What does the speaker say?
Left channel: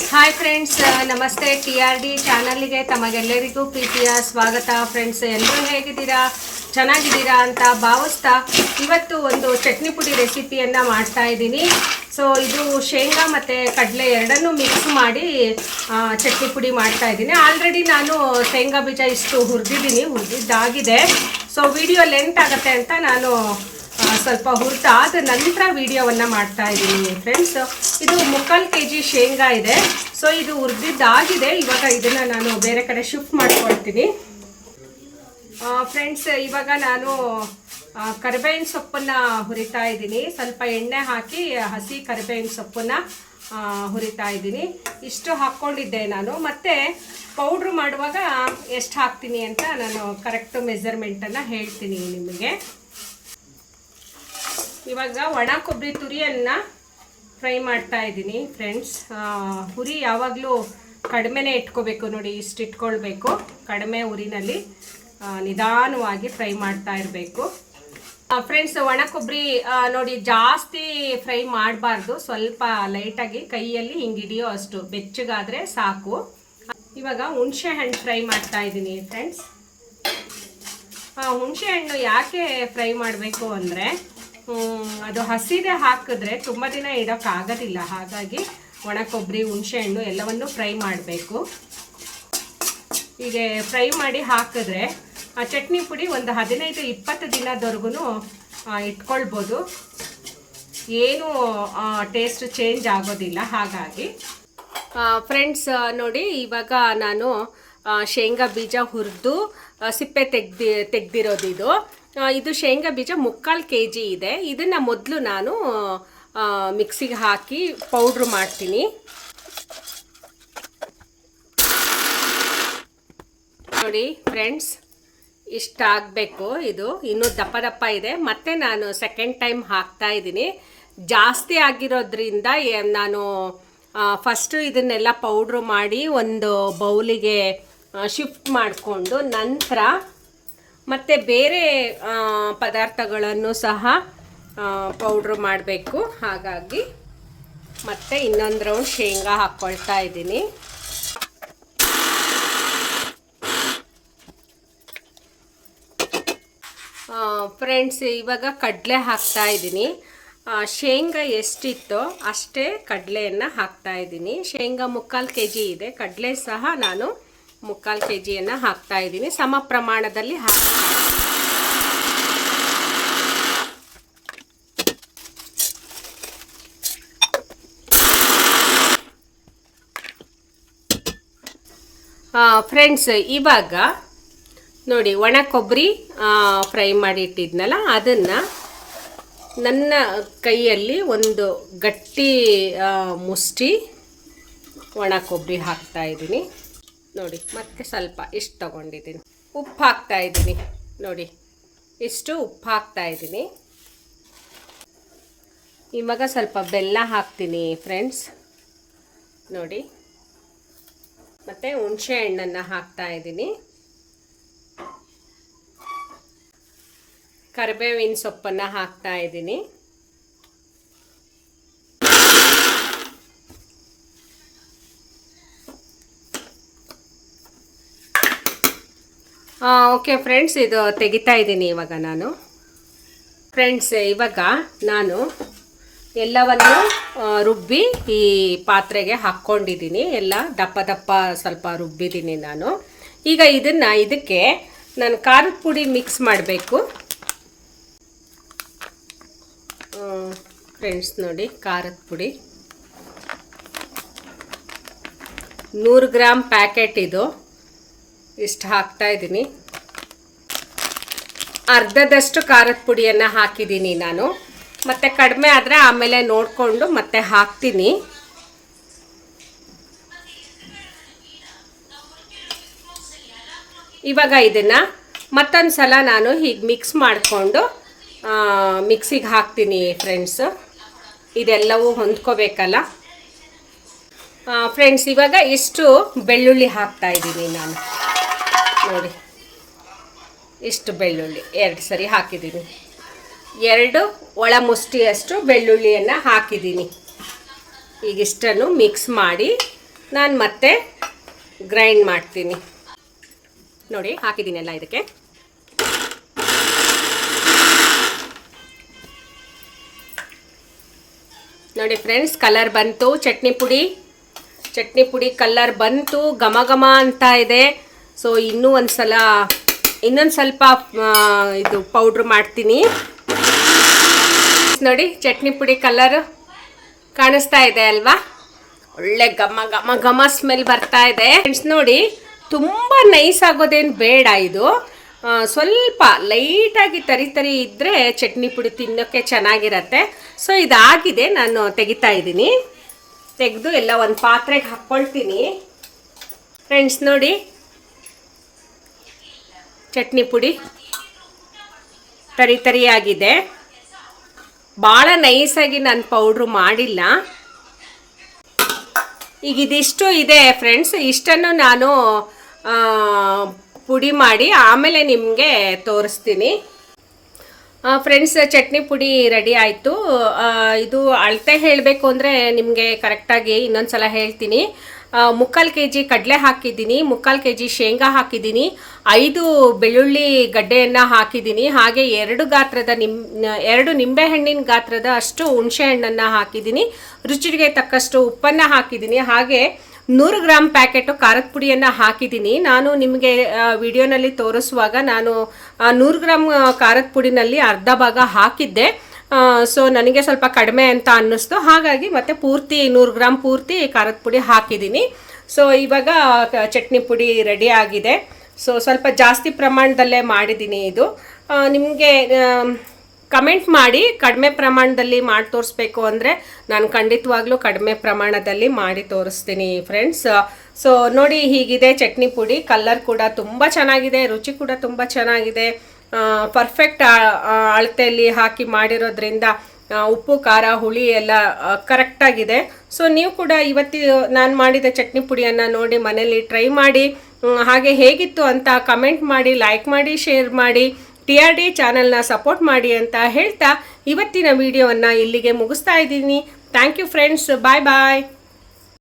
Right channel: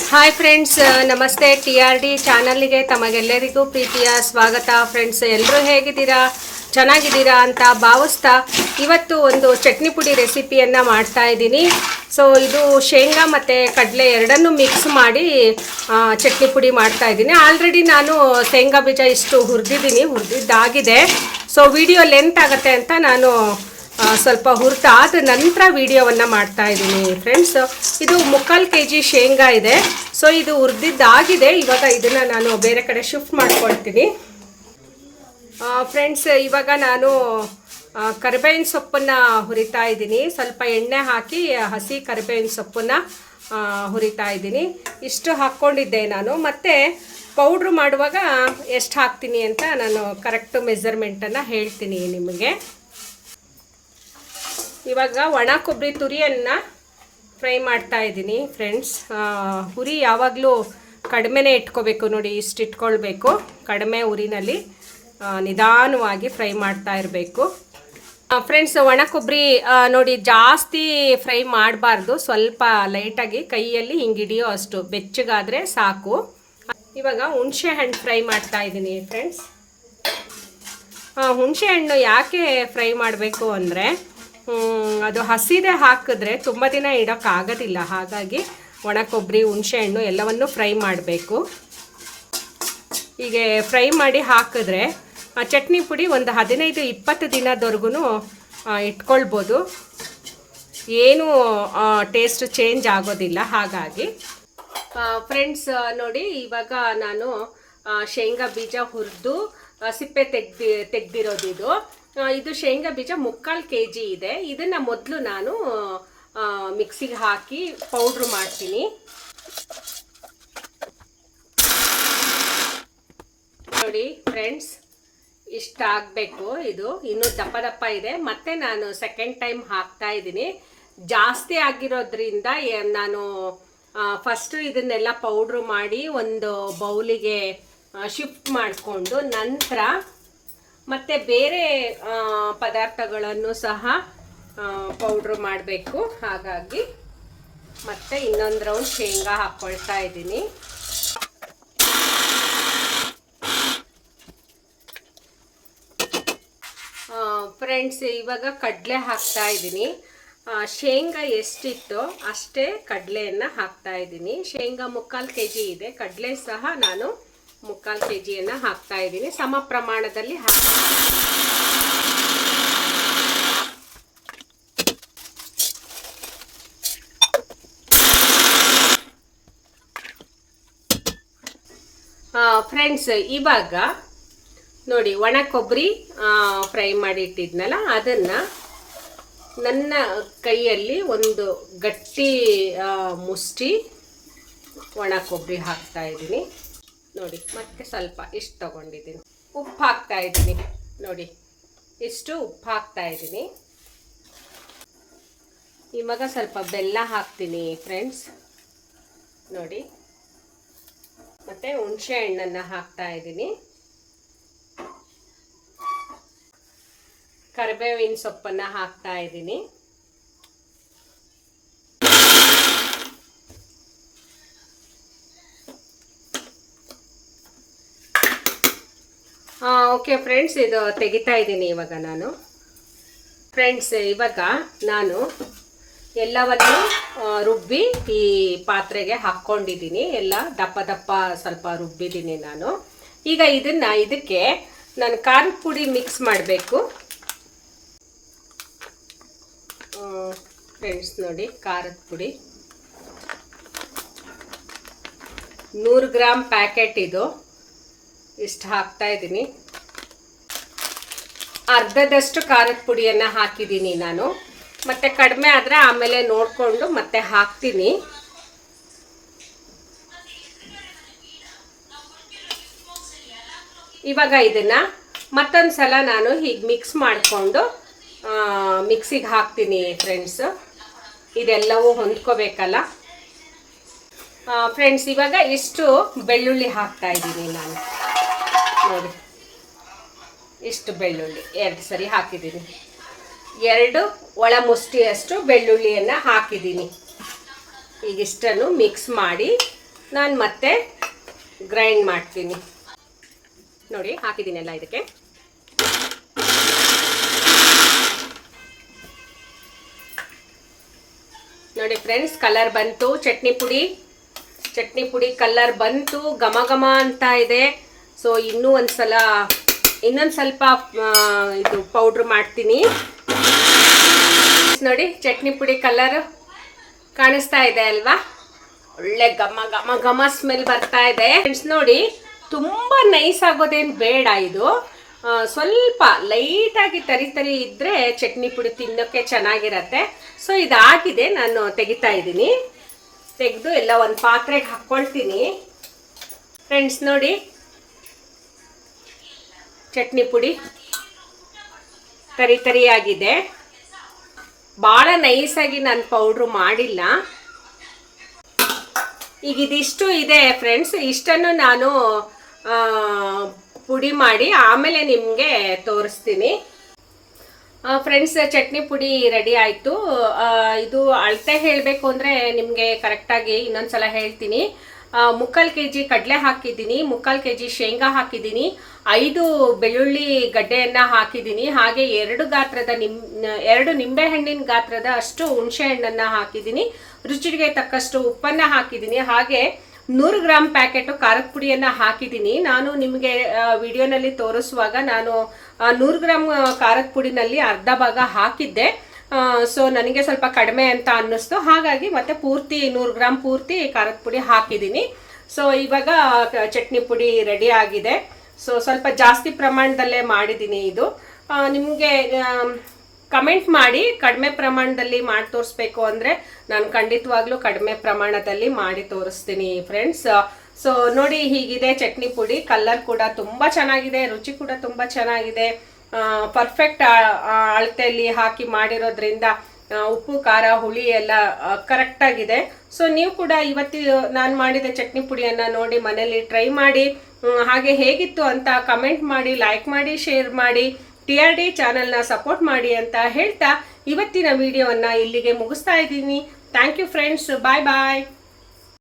Hi friends, ನಮಸ್ತೆ. TRD ಚಾನಲ್ಗೆ ತಮಗೆಲ್ಲರಿಗೂ ಪ್ರೀತಿಯ ಸ್ವಾಗತ. ಫ್ರೆಂಡ್ಸ್, ಎಲ್ಲರೂ ಹೇಗಿದ್ದೀರಾ? ಚೆನ್ನಾಗಿದ್ದೀರಾ ಅಂತ ಭಾವಿಸ್ತಾ ಇವತ್ತು ಒಂದು ಚಟ್ನಿ ಪುಡಿ ರೆಸಿಪಿಯನ್ನು ಮಾಡ್ತಾ ಇದ್ದೀನಿ. ಸೊ ಇದು ಶೇಂಗಾ ಮತ್ತು ಕಡಲೆ ಎರಡನ್ನೂ ಮಿಕ್ಸ್ ಮಾಡಿ ಚಟ್ನಿ ಪುಡಿ ಮಾಡ್ತಾ ಇದ್ದೀನಿ. ಆಲ್ರೆಡಿ ನಾನು ಶೇಂಗಾ ಬೀಜ ಇಷ್ಟು ಹುರಿದಿದ್ದಾಗಿದೆ. ಸೊ ವಿಡಿಯೋ ಲೆಂತ್ ಆಗುತ್ತೆ ಅಂತ ನಾನು ಸ್ವಲ್ಪ ಹುರಿದಾದ ನಂತರ ವಿಡಿಯೋವನ್ನು ಮಾಡ್ತಾ ಇದ್ದೀನಿ. ಫ್ರೆಂಡ್ಸ್, ಇದು 3/4 kg ಶೇಂಗಾ ಇದೆ. ಸೊ ಇದು ಹುರಿದಿದ್ದಾಗಿದೆ. ಇವಾಗ ಇದನ್ನು ನಾನು ಬೇರೆ ಕಡೆ ಶಿಫ್ಟ್ ಮಾಡ್ಕೊಳ್ತೀನಿ. ಫ್ರೆಂಡ್ಸ್, ಇವಾಗ ನಾನು ಕರಿಬೇವಿನ ಸೊಪ್ಪನ್ನು ಹುರಿತಾ ಇದ್ದೀನಿ. ಸ್ವಲ್ಪ ಎಣ್ಣೆ ಹಾಕಿ ಹಸಿ ಕರಿಬೇವಿನ ಸೊಪ್ಪನ್ನು ಹುರಿತಾ ಇದ್ದೀನಿ. ಇಷ್ಟು ಹಾಕ್ಕೊಂಡಿದ್ದೆ ನಾನು. ಮತ್ತು ಪೌಡ್ರು ಮಾಡುವಾಗ ಎಷ್ಟು ಹಾಕ್ತೀನಿ ಅಂತ ನಾನು ಕರೆಕ್ಟ್ ಮೆಜರ್ಮೆಂಟನ್ನು ಹೇಳ್ತೀನಿ ನಿಮಗೆ. ಇವಾಗ ಒಣ ಕೊಬ್ಬರಿ ತುರಿಯನ್ನು ಫ್ರೈ ಮಾಡ್ತಾ ಇದ್ದೀನಿ. ಫ್ರೆಂಡ್ಸ್, ಉರಿ ಯಾವಾಗಲೂ ಕಡಿಮೆನೇ ಇಟ್ಕೋಬೇಕು. ನೋಡಿ, ಇಷ್ಟು ಇಟ್ಕೊಳ್ಬೇಕು. ಕಡಿಮೆ ಉರಿನಲ್ಲಿ ನಿಧಾನವಾಗಿ ಫ್ರೈ ಮಾಡ್ತಾ ಇರಬೇಕು. ಫ್ರೆಂಡ್ಸ್, ಒಣ ಕೊಬ್ಬರಿ ನೋಡಿ ಜಾಸ್ತಿ ಫ್ರೈ ಮಾಡಬಾರ್ದು. ಸ್ವಲ್ಪ ಲೈಟಾಗಿ ಕೈಯಲ್ಲಿ ಹಿಂಗೆ ಹಿಡಿಯೋ ಅಷ್ಟು ಬೆಚ್ಚಗಾದರೆ ಸಾಕು. ಇವಾಗ ಹುಣಸೆ ಹಣ್ಣು ಫ್ರೈ ಮಾಡ್ತಾ ಇದ್ದೀನಿ. ಫ್ರೆಂಡ್ಸ್, ಹುಣಸೆ ಹಣ್ಣು ಯಾಕೆ ಫ್ರೈ ಮಾಡಬೇಕು ಅಂದರೆ ಅದು ಹಸಿದೆ ಹಾಕಿದ್ರೆ ತುಂಬ ದಿನ ಇಡೋಕ್ಕಾಗೋದಿಲ್ಲ. ಹಾಗಾಗಿ ಒಣ ಕೊಬ್ಬರಿ, ಹುಣಸೆ ಹಣ್ಣು ಎಲ್ಲವನ್ನು ಫ್ರೈ ಮಾಡಬೇಕು. ಹೀಗೆ ಫ್ರೈ ಮಾಡಿ ಹಾಕಿದ್ರೆ ಚಟ್ನಿ ಪುಡಿ ಒಂದು 15-20 ದಿನದವರೆಗೂ ಇಟ್ಕೊಳ್ಬೋದು. ಏನೂ ಟೇಸ್ಟ್ ಚೇಂಜ್ ಆಗೋದಿಲ್ಲ. ಹಾಗಾಗಿ ಫ್ರೆಂಡ್ಸ್ ನೋಡಿ, ಇವಾಗ ನಾನು ಶೇಂಗಾ ಬೀಜ ಹುರಿದು ಸಿಪ್ಪೆ ತೆಗ್ದಿರೋದು ಇದು ಶೇಂಗಾ ಬೀಜ 3/4 kg ಇದೆ. ಇದನ್ನು ಮೊದಲು ನಾನು ಮಿಕ್ಸಿಗೆ ಹಾಕಿ ಪೌಡ್ರು ಮಾಡ್ತೀನಿ. ನೋಡಿ ಫ್ರೆಂಡ್ಸ್, ಇಷ್ಟಾಗಬೇಕು. ಇದು ಇನ್ನೂ ದಪ್ಪ ಇದೆ. ಮತ್ತು ನಾನು ಸೆಕೆಂಡ್ ಟೈಮ್ ಹಾಕ್ತಾ ಇದ್ದೀನಿ. ಜಾಸ್ತಿ ಆಗಿರೋದ್ರಿಂದ ನಾನು ಫಸ್ಟು ಇದನ್ನೆಲ್ಲ ಪೌಡ್ರು ಮಾಡಿ ಒಂದು ಬೌಲಿಗೆ ಶಿಫ್ಟ್ ಮಾಡಿಕೊಂಡು ನಂತರ ಮತ್ತು ಬೇರೆ ಪದಾರ್ಥಗಳನ್ನು ಸಹ ಪೌಡ್ರು ಮಾಡಬೇಕು. ಹಾಗಾಗಿ ಮತ್ತೆ ಇನ್ನೊಂದು ರೌಂಡ್ ಶೇಂಗಾ ಹಾಕ್ಕೊಳ್ತಾ ಇದ್ದೀನಿ. ಫ್ರೆಂಡ್ಸ್, ಇವಾಗ ಕಡಲೆ ಹಾಕ್ತಾ ಇದ್ದೀನಿ. ಶೇಂಗಾ ಎಷ್ಟಿತ್ತೋ ಅಷ್ಟೇ ಕಡಲೆಯನ್ನು ಹಾಕ್ತಾ ಇದ್ದೀನಿ. ಶೇಂಗಾ 3/4 kg ಇದೆ. ಕಡಲೆ ಸಹ ನಾನು 3/4 kgಯನ್ನು ಹಾಕ್ತಾ ಇದ್ದೀನಿ. ಸಮ ಪ್ರಮಾಣದಲ್ಲಿ ಫ್ರೆಂಡ್ಸ್, ಇವಾಗ ನೋಡಿ ಒಣ ಕೊಬ್ಬರಿ ಫ್ರೈ ಮಾಡಿಟ್ಟಿದ್ನಲ್ಲ, ಅದನ್ನು ನನ್ನ ಕೈಯಲ್ಲಿ ಒಂದು ಗಟ್ಟಿ ಮುಷ್ಟಿ ಒಣ ಕೊಬ್ಬರಿ ಹಾಕ್ತಾ ಇದ್ದೀನಿ. ನೋಡಿ, ಮತ್ತೆ ಸ್ವಲ್ಪ ಇಷ್ಟು ತಗೊಂಡಿದ್ದೀನಿ. ಉಪ್ಪು ಹಾಕ್ತಾ ಇದ್ದೀನಿ. ನೋಡಿ, ಇಷ್ಟು ಉಪ್ಪು ಹಾಕ್ತಾ ಇದ್ದೀನಿ. ಇವಾಗ ಸ್ವಲ್ಪ ಬೆಲ್ಲ ಹಾಕ್ತೀನಿ ಫ್ರೆಂಡ್ಸ್. ನೋಡಿ, ಮತ್ತು ಹುಣಸೆ ಹಣ್ಣನ್ನು ಹಾಕ್ತಾ ಇದ್ದೀನಿ. ಕರಿಬೇವಿನ ಸೊಪ್ಪನ್ನು ಹಾಕ್ತಾ ಇದ್ದೀನಿ. ಓಕೆ ಫ್ರೆಂಡ್ಸ್, ಇದು ತೆಗಿತಾ ಇದ್ದೀನಿ ಇವಾಗ ನಾನು. ಫ್ರೆಂಡ್ಸ್, ಇವಾಗ ನಾನು ಎಲ್ಲವನ್ನು ರುಬ್ಬಿ ಈ ಪಾತ್ರೆಗೆ ಹಾಕ್ಕೊಂಡಿದ್ದೀನಿ. ಎಲ್ಲ ದಪ್ಪ ಸ್ವಲ್ಪ ರುಬ್ಬಿದ್ದೀನಿ ನಾನು. ಈಗ ಇದಕ್ಕೆ ನಾನು ಖಾರದ ಪುಡಿ ಮಿಕ್ಸ್ ಮಾಡಬೇಕು. ಫ್ರೆಂಡ್ಸ್ ನೋಡಿ, ಖಾರದ ಪುಡಿ 100 ಗ್ರಾಮ್ ಪ್ಯಾಕೆಟ್ ಇದು. ಇಷ್ಟು ಹಾಕ್ತಾ ಇದ್ದೀನಿ. ಅರ್ಧದಷ್ಟು ಖಾರದ ಪುಡಿಯನ್ನು ಹಾಕಿದ್ದೀನಿ ನಾನು. ಮತ್ತು ಕಡಿಮೆ ಆದರೆ ಆಮೇಲೆ ನೋಡಿಕೊಂಡು ಮತ್ತೆ ಹಾಕ್ತೀನಿ. ಇವಾಗ ಇದನ್ನು ಮತ್ತೊಂದು ಸಲ ನಾನು ಹೀಗೆ ಮಿಕ್ಸ್ ಮಾಡಿಕೊಂಡು ಮಿಕ್ಸಿಗೆ ಹಾಕ್ತೀನಿ. ಫ್ರೆಂಡ್ಸ್, ಇದೆಲ್ಲವೂ ಹೊಂದ್ಕೋಬೇಕಲ್ಲ. ಫ್ರೆಂಡ್ಸ್, ಇವಾಗ ಇಷ್ಟು ಬೆಳ್ಳುಳ್ಳಿ ಹಾಕ್ತಾ ಇದ್ದೀನಿ ನಾನು. ನೋಡಿ, ಇಷ್ಟು ಬೆಳ್ಳುಳ್ಳಿ 2 ಸರಿ ಹಾಕಿದ್ದೀನಿ. 2 ಒಳ ಮುಷ್ಟಿಯಷ್ಟು ಬೆಳ್ಳುಳ್ಳಿಯನ್ನು ಹಾಕಿದ್ದೀನಿ. ಈಗಿಷ್ಟನ್ನು ಮಿಕ್ಸ್ ಮಾಡಿ ನಾನು ಮತ್ತೆ ಗ್ರೈಂಡ್ ಮಾಡ್ತೀನಿ. ನೋಡಿ ಹಾಕಿದ್ದೀನಿ ಎಲ್ಲ ಇದಕ್ಕೆ. ನೋಡಿ ಫ್ರೆಂಡ್ಸ್, ಕಲರ್ ಬಂತು. ಚಟ್ನಿ ಪುಡಿ ಕಲರ್ ಬಂತು, ಘಮ ಘಮ ಅಂತ ಇದೆ. ಸೊ ಇನ್ನೊಂದು ಸ್ವಲ್ಪ ಇದು ಪೌಡ್ರ್ ಮಾಡ್ತೀನಿ. ನೋಡಿ ಚಟ್ನಿ ಪುಡಿ ಕಲರ್ ಕಾಣಿಸ್ತಾ ಇದೆ ಅಲ್ವಾ, ಒಳ್ಳೆ ಘಮ ಘಮ ಘಮ ಸ್ಮೆಲ್ ಬರ್ತಾ ಇದೆ ಫ್ರೆಂಡ್ಸ್. ನೋಡಿ ತುಂಬ ನೈಸ್ ಆಗೋದೇನು ಬೇಡ, ಇದು ಸ್ವಲ್ಪ ಲೈಟಾಗಿ ತರಿ ಇದ್ದರೆ ಚಟ್ನಿ ಪುಡಿ ತಿನ್ನೋಕ್ಕೆ ಚೆನ್ನಾಗಿರತ್ತೆ. ಸೊ ಇದಾಗಿದೆ, ನಾನು ತೆಗಿತಾ ಇದ್ದೀನಿ. ತೆಗೆದು ಎಲ್ಲ ಒಂದು ಪಾತ್ರೆಗೆ ಹಾಕ್ಕೊಳ್ತೀನಿ ಫ್ರೆಂಡ್ಸ್. ನೋಡಿ ಚಟ್ನಿ ಪುಡಿ ತರಿಯಾಗಿದೆ, ಭಾಳ ನೈಸಾಗಿ ನಾನು ಪೌಡ್ರು ಮಾಡಿಲ್ಲ. ಈಗ ಇದಿಷ್ಟು ಇದೆ ಫ್ರೆಂಡ್ಸ್, ಇಷ್ಟನ್ನು ನಾನು ಪುಡಿ ಮಾಡಿ ಆಮೇಲೆ ನಿಮಗೆ ತೋರಿಸ್ತೀನಿ ಫ್ರೆಂಡ್ಸ್. ಚಟ್ನಿ ಪುಡಿ ರೆಡಿ ಆಯಿತು. ಇದು ಅಳತೆ ಹೇಳಬೇಕು ಅಂದರೆ ನಿಮಗೆ ಕರೆಕ್ಟಾಗಿ ಇನ್ನೊಂದು ಸಲ ಹೇಳ್ತೀನಿ. 3/4 kg ಕಡಲೆ ಹಾಕಿದ್ದೀನಿ, 3/4 kg ಶೇಂಗಾ ಹಾಕಿದ್ದೀನಿ, 5 ಬೆಳ್ಳುಳ್ಳಿ ಗಡ್ಡೆಯನ್ನು ಹಾಕಿದ್ದೀನಿ, ಹಾಗೆ 2 ನಿಂಬೆಹಣ್ಣಿನ ಗಾತ್ರದ ಅಷ್ಟು ಹುಣಸೆ ಹಣ್ಣನ್ನು ಹಾಕಿದ್ದೀನಿ, ರುಚಿಗೆ ತಕ್ಕಷ್ಟು ಉಪ್ಪನ್ನು ಹಾಕಿದ್ದೀನಿ, ಹಾಗೆ 100 ಗ್ರಾಮ್ ಪ್ಯಾಕೆಟು ಖಾರದ ಪುಡಿಯನ್ನು ಹಾಕಿದ್ದೀನಿ. ನಾನು ನಿಮಗೆ ವಿಡಿಯೋನಲ್ಲಿ ತೋರಿಸುವಾಗ ನಾನು 100 ಗ್ರಾಮ್ ಖಾರದ ಪುಡಿನಲ್ಲಿ ಅರ್ಧ ಭಾಗ ಹಾಕಿದ್ದೆ. ಸೊ ನನಗೆ ಸ್ವಲ್ಪ ಕಡಿಮೆ ಅಂತ ಅನ್ನಿಸ್ತು, ಹಾಗಾಗಿ ಮತ್ತೆ ಪೂರ್ತಿ 100 ಗ್ರಾಮ್ ಪೂರ್ತಿ ಖಾರದ ಪುಡಿ ಹಾಕಿದ್ದೀನಿ. ಸೊ ಇವಾಗ ಚಟ್ನಿ ಪುಡಿ ರೆಡಿ ಆಗಿದೆ. ಸೊ ಸ್ವಲ್ಪ ಜಾಸ್ತಿ ಪ್ರಮಾಣದಲ್ಲೇ ಮಾಡಿದ್ದೀನಿ. ಇದು ನಿಮಗೆ ಕಮೆಂಟ್ ಮಾಡಿ, ಕಡಿಮೆ ಪ್ರಮಾಣದಲ್ಲಿ ಮಾಡಿ ತೋರಿಸ್ಬೇಕು ಅಂದರೆ ನಾನು ಖಂಡಿತವಾಗ್ಲೂ ಕಡಿಮೆ ಪ್ರಮಾಣದಲ್ಲಿ ಮಾಡಿ ತೋರಿಸ್ತೀನಿ ಫ್ರೆಂಡ್ಸ್. ಸೊ ನೋಡಿ ಹೀಗಿದೆ ಚಟ್ನಿ ಪುಡಿ. ಕಲರ್ ಕೂಡ ತುಂಬ ಚೆನ್ನಾಗಿದೆ, ರುಚಿ ಕೂಡ ತುಂಬ ಚೆನ್ನಾಗಿದೆ. ಪರ್ಫೆಕ್ಟ್ ಅಳತೆಯಲ್ಲಿ ಹಾಕಿ ಮಾಡಿರೋದ್ರಿಂದ ಉಪ್ಪು ಖಾರ ಹುಳಿ ಎಲ್ಲ ಕರೆಕ್ಟಾಗಿದೆ. ಸೊ ನೀವು ಕೂಡ ನಾನು ಮಾಡಿದ ಚಟ್ನಿ ಪುಡಿಯನ್ನು ನೋಡಿ ಮನೇಲಿ ಟ್ರೈ ಮಾಡಿ, ಹಾಗೆ ಹೇಗಿತ್ತು ಅಂತ ಕಮೆಂಟ್ ಮಾಡಿ, ಲೈಕ್ ಮಾಡಿ, ಶೇರ್ ಮಾಡಿ, TRD ಚಾನಲ್ನ ಸಪೋರ್ಟ್ ಮಾಡಿ ಅಂತ ಹೇಳ್ತಾ ಇವತ್ತಿನ ವಿಡಿಯೋವನ್ನು ಇಲ್ಲಿಗೆ ಮುಗಿಸ್ತಾ ಇದ್ದೀನಿ. Thank you friends, bye bye.